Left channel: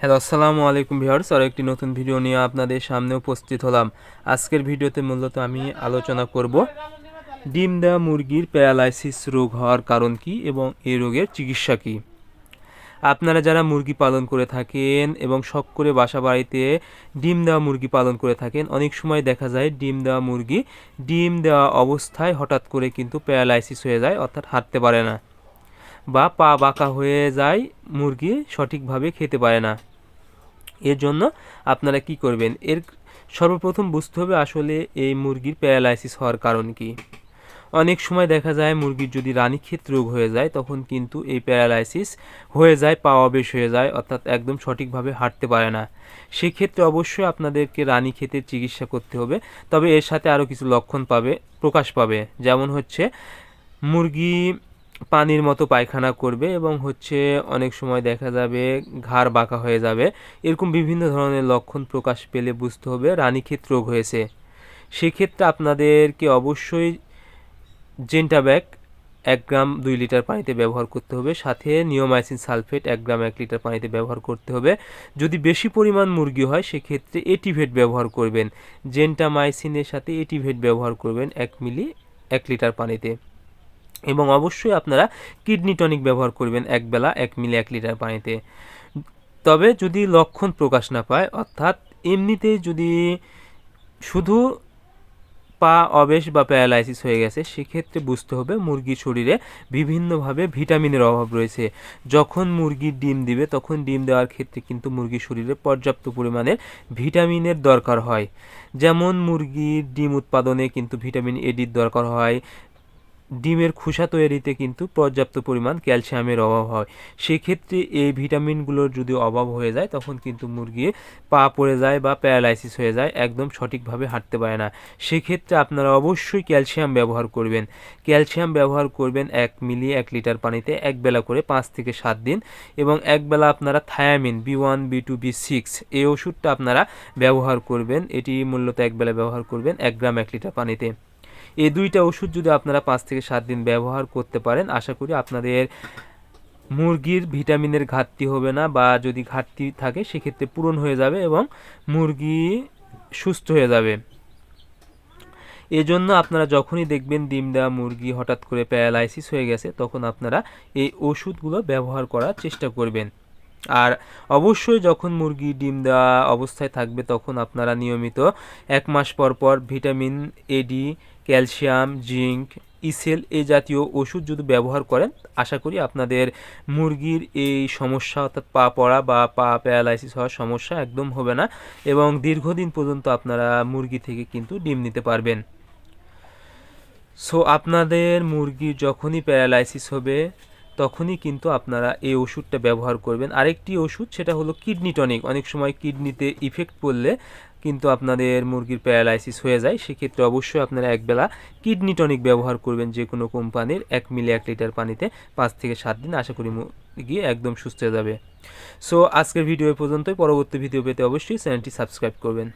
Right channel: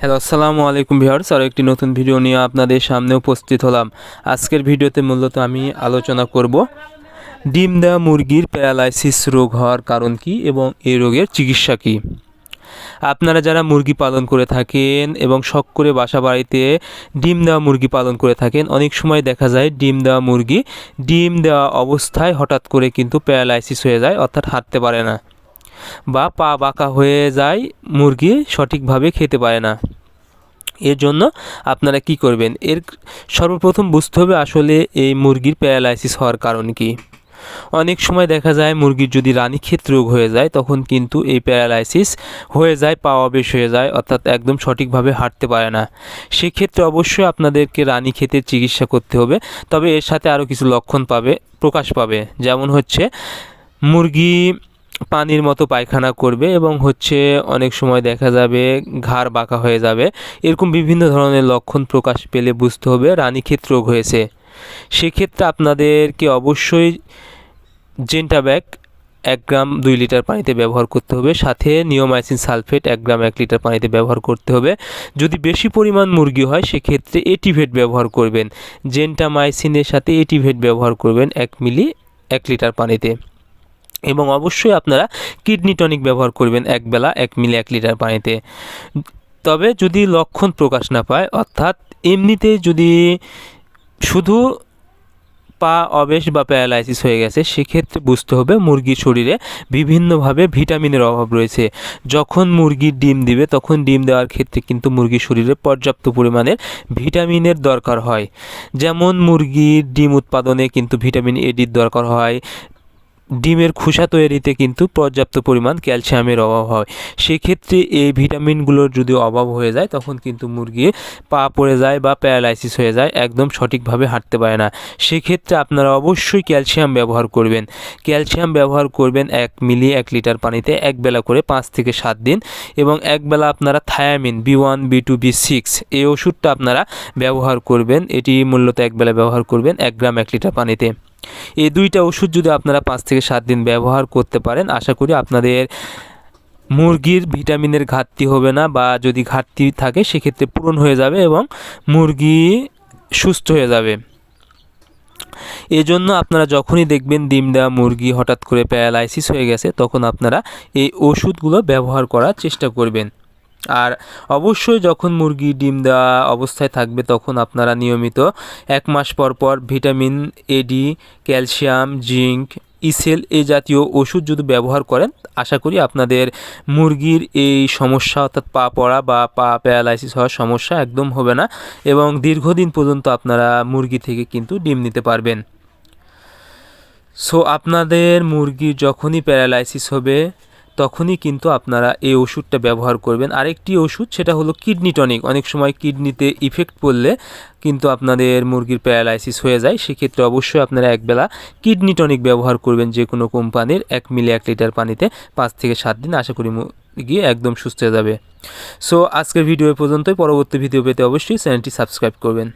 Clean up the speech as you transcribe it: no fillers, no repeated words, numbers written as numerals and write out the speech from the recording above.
Hello, আসসালামু আলাইকুম viewers. আর একটি নতুন ভিডিও নিয়ে আপনাদের সামনে উপস্থিত হলাম। আজকের ভিডিওতে মূলত আমি আলোচনা করব ডিম দেওয়া মুরগির প্যারালাইসিস রোগ হওয়ার কারণ কী এবং এই রোগের চিকিৎসা কী। আপনারা যারা মুরগি পালন করে থাকেন এবং শখ করে বাসা বাড়িতে ডিম দেওয়া মুরগি পালন করে থাকেন, অনেক সময় দেখা যায় ডিম দেওয়া মুরগি ডিম দেওয়া অবস্থায় হঠাৎ করে কিন্তু প্যারালাইসিস হয়ে যায়, অর্থাৎ হাঁটতে পারে না বা পা বাঁকা হয়ে যায়, মুরগি সঠিকভাবে খেতে পারে না। এর জন্য আপনারা কি করবেন, সর্বপ্রথম বুঝতে হবে আসলে এই মুরগির প্যারালাইসিস হওয়ার কারণ কি। অনেক সময় দেখা যায় মুরগির যদি রানীক্ষেত রোগ হয়ে যায় তখন কিন্তু এই প্যারালাইসিস হয়ে যায়, পা অবেশ হয়ে যায়, অর্থাৎ একদম সঠিকভাবে হাঁটতে পারে না। সেক্ষেত্রে অবশ্যই আপনাদেরকে রানীক্ষেতের চিকিৎসা করতে হবে। তবে এর সাথে আরও কিছু লক্ষণ প্রকাশ পাবে, যেমন হচ্ছে মুরগি পানির মতো পায়খানা করবে এবং অনেক সময় দেখা যাবে ঘাড় বাঁকা হয়ে যাবে। এরকম বিভিন্ন ধরনের লক্ষণ প্রকাশ পেলে বুঝতে হবে রানীক্ষেত রোগ হয়েছে। সেক্ষেত্রে আপনাদেরকে অবশ্যই জেন্টাব্যাক 1 গ্রাম 2 লিটার পানিতে ব্যবহার করতে হবে, সাথে নিওমাইসিন সালফেট 1 গ্রাম 1 লিটার পানিতে ব্যবহার করতে হবে। যদি বেশি পরিমাণ মুরগি হয় সেক্ষেত্রে এটিভেট ব্যবহার করবেন, জেন্টামাইসিনের সাথে এটিভেট ব্যবহার করবেন 1 মিলি 1 লিটার পানিতে। এবং অবশ্যই আপনারা কিডনি টনিক ব্যবহার করবেন 1 বেলা 1 মিলি 1 লিটার পানিতে। তবে যদি লক্ষণ প্রকাশ না পায়, অর্থাৎ এমনিতে যদি শুধু পা অবেশ বা প্যারালাইসিস হয়ে গেছে, সেক্ষেত্রে বুঝতে হবে মুরগির শরীরে বিভিন্নভাবে ভিটামিনের অভাব রয়েছে। যখন মুরগির ডিম দিবে তখন ডিম দেওয়ার ক্ষেত্রে কিন্তু মুরগির শরীরে পর্যাপ্ত পরিমাণের ভিটামিনের দরকার হয়। যেমন মুরগির ডিম উৎপাদনে কিন্তু ভিটামিন এডির দরকার হয়, ডিমের খোসা তৈরিতে কিন্তু পর্যাপ্ত পরিমাণ ক্যালসিয়ামের অভাব হয়। সেক্ষেত্রে এই ভিটামিনগুলোর যদি অভাব হয়ে যায় তখন কিন্তু মুরগি পা পড়ে যায় বা প্যারালাইসিস হয়ে যায়, একদম সঠিকভাবে হাঁটতে পারে না। সেক্ষেত্রে আপনারা অবশ্যই ক্যালসিয়াম ব্যবহার করবেন। ক্যালসিয়াম ব্যবহার করবেন 1 মিলি 1 লিটার পানিতে 1 বেলা করে 5 থেকে 7 দিন। এবং 1 বেলা আপনারা থায়ামিন B1 B2 B6 এই ওষুধটা আপনারা ব্যবহার করবেন। এটি মূলত 1 বেলা ব্যবহার করবেন 1 গ্রাম 1 লিটার পানিতে। এই 2টা ওষুধ যদি আপনারা 5 থেকে 7 দিন ব্যবহার করতে পারেন, আশা করি আপনাদের মুরগির ভিটামিনের ঘাটতি হবে না, বা যদি ঘাটতি থাকে সেক্ষেত্রে পূরণ হয়ে যাবে এবং মুরগি সুস্থ হয়ে যাবে। এজন্য আপনারা যখনই দেখবেন ডিম দেওয়া মুরগি হঠাৎ করে প্যারালাইসিস হয়ে গেছে তখন আপনারা এই ওষুধগুলো ব্যবহার করার চেষ্টা করবেন। আর অবশ্যই যখন মুরগি ডিম দেওয়া অবস্থায় থাকবে তখন আপনারা নিয়মিত 1 মাস পর পর ভিটামিন এডি, ক্যালসিয়াম, জিঙ্ক, ইসেল এই জাতীয় ওষুধ যদি ব্যবহার করেন, আশা করি আপনাদের মুরগির এই সমস্যা, অর্থাৎ পা পড়া বা পা প্যারালাইসিস হওয়ার সমস্যা একদম হবে না এবং দীর্ঘদিন পর্যন্ত আপনারা মুরগি থেকে কিন্তু ডিম নিতে পারবেন। সো আপনাদের মুরগি যখনই প্যারালাইসিস হবে তখনই কিন্তু আপনারা এই ওষুধটা ব্যবহার করবেন। আরেকটি ওষুধ, সেটা হলো কিডনি টনিক। অনেক সময় কিডনিতে ইফেক্ট পড়লে কিন্তু আপনাদের মুরগির প্যারালাইসিস হয়ে যায়। সেক্ষেত্রে অবশ্যই আপনারা 1 বেলা কিডনি টনিক ব্যবহার করবেন যে কোনো কোম্পানির, 1 মিলি 1 লিটার পানিতে 5 থেকে 7 দিন। আশা করি মুরগি একদম সুস্থ হয়ে যাবে। সো আজকের ভিডিও পর্যন্তই। পরবর্তী ভিডিও পেতে অবশ্যই চ্যানেলটি সাবস্ক্রাইব করবেন।